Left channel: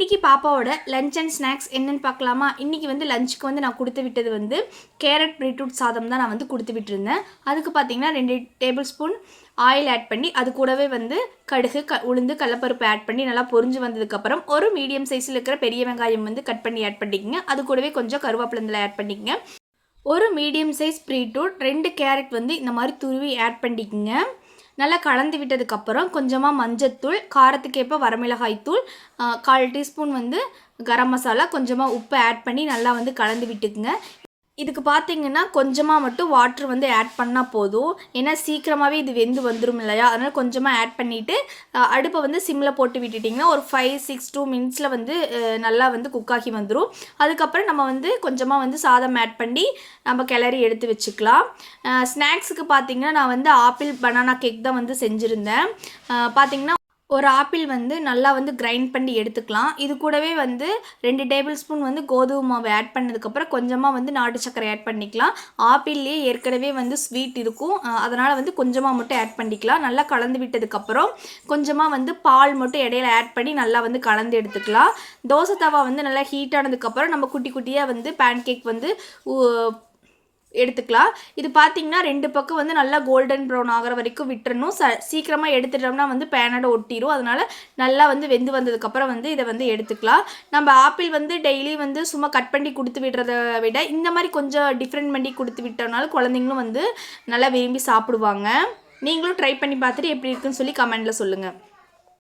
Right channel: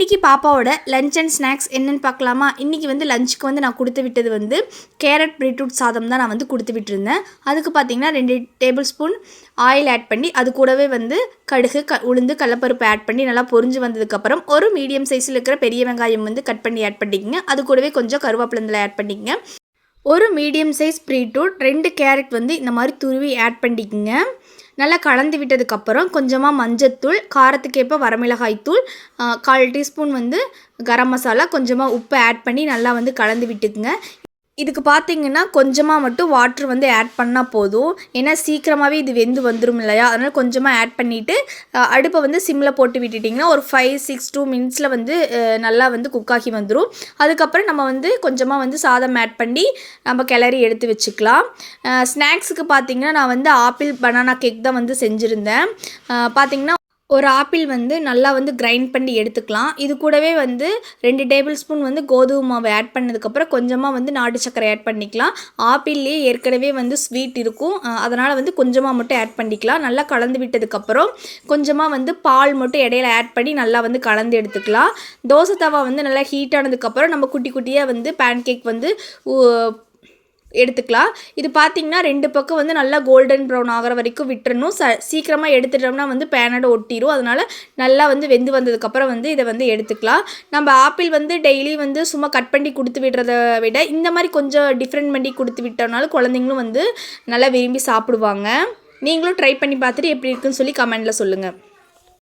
இன்றைக்கி பாப்பாவோட lunch and snacks என்னென்னு பார்க்கலாமா? இன்றைக்கி வந்து லஞ்சுக்கு வந்து நான் கொடுத்து விட்டது வந்து கேரட் பீட்ரூட் சாதம் தான் நான் வந்து கொடுத்து விட்டுருந்தேன். அதுக்கு பார்த்திங்கன்னா 2 டேபிள் ஸ்பூன் ஆயில் ஆட் பண்ணி அது கூடவே வந்து கடுகு உளுந்து கடலப்பருப்பு ஆட் பண்ணி நல்லா பொரிஞ்சு வந்ததுக்கப்புறம் ஒரு மீடியம் சைஸில் இருக்கிற பெரிய வெங்காயம் வந்து கட் பண்ணி ஆட் பண்ணிக்கங்க. அது கூடவே கொஞ்சம் கருவேப்பிலை ஆட் பண்ணிக்கங்க. ஒரு மீடியம் சைஸ் பீட்ரூட் 2 கேரட் வந்து இந்த மாதிரி துருவி ஆட் பண்ணிக்கங்க. நல்லா கலந்து விட்டதுக்கப்புறம் கொஞ்சமாக மஞ்சத்தூள், காரத்துக்கேற்ப வரமிளகாய் தூள், 1/4 டீஸ்பூன் வந்து கரம் மசாலா, கொஞ்சமாக உப்பு ஆட் பண்ணி நல்லா வந்து கலந்து விட்டுக்குங்க. இதுக்கு பார்த்திங்கன்னா கொஞ்சமாக மட்டும் வாட்ரு வந்து ஆட் பண்ணால் போதும். ஏன்னா சீக்கிரமாகவே இது வெந்து வந்துடும் இல்லையா? அதனால் கொஞ்சமாக ஆட் பண்ணிவிட்டு அடுப்பை வந்து சிம்மில் போட்டு விட்டுட்டிங்கன்னா ஒரு 5-6 மினிட்ஸில் வந்து நல்லா வந்து குக்காகி வந்துடும். அதுக்கப்புறம் நம்ம வந்து கொஞ்சமாக வந்து சாதம் ஆட் பண்ணி நம்ம கிளறி எடுத்து வச்சுக்கலாம். ஸ்நாக்ஸுக்கு பார்த்திங்கன்னா நான் வந்து ஆப்பிள் பனானா கேக் தான் வந்து செஞ்சுருந்தேன். பார்த்திங்கன்னா ஒரு ஆப்பிள் வந்து நல்லா வந்து கிரைண்ட் பண்ணி எடுத்துக்கலாம். இது கூடவே வந்து 2 டேபிள் ஸ்பூன் வந்து கோதுமை மாவு ஆட் பண்ணதுக்கப்புறம் கொஞ்சமாக வந்து நாட்டு சர்க்கரை ஆட் பண்ணிக்கலாம். ஆப்பிள்லேயே ஏற்கனவே வந்து ஸ்வீட் இருக்கும், அதனால் வந்து கொஞ்சமாக மட்டும் ஆட் பண்ணிக்கலாம். நல்லா கலந்து விட்டதுக்கப்புறம் கொஞ்சமாக வந்து பால் மட்டும் இடையில ஆட் பண்ணி நல்லா வந்து கலந்து எடுத்துக்கலாம். தோசை தவா வந்து நல்லா ஹீட் ஆனதுக்கப்புறம் நம்ம குட்டி குட்டியாக வந்து பேன் கேக் வந்து எடுத்துக்கலாம். இது பார்த்திங்கன்னா 2 பக்கம் வந்து நல்லா கோல்டன் ப்ரௌன் ஆகிற வரைக்கும் விட்டுறணும். சீக்கிரமாக எடுத்துட்டோம்னா வந்து பேனோட ஒட்டிடும். அதனால் நல்லா வந்து வெந்து வந்ததுக்கப்புறம் வந்து இதை வந்து எடுத்துக்கலாம். நம்ம ஆப்பிள் வந்து டெய்லி வந்து சும்மா கட் பண்ணி கொடுத்து விடுறத விட இந்த மாதிரி கொஞ்சம் டிஃப்ரெண்ட் பண்ணி கொடுத்து விட்டோம்னாலும் குழந்தைங்களும் வந்து நல்லா விரும்பி சாப்பிடுவாங்க. நீங்களும் ட்ரை பண்ணி பார்த்துட்டு எப்படி இருக்குன்னு சொல்லி கமெண்டில் சொல்லுங்கள்.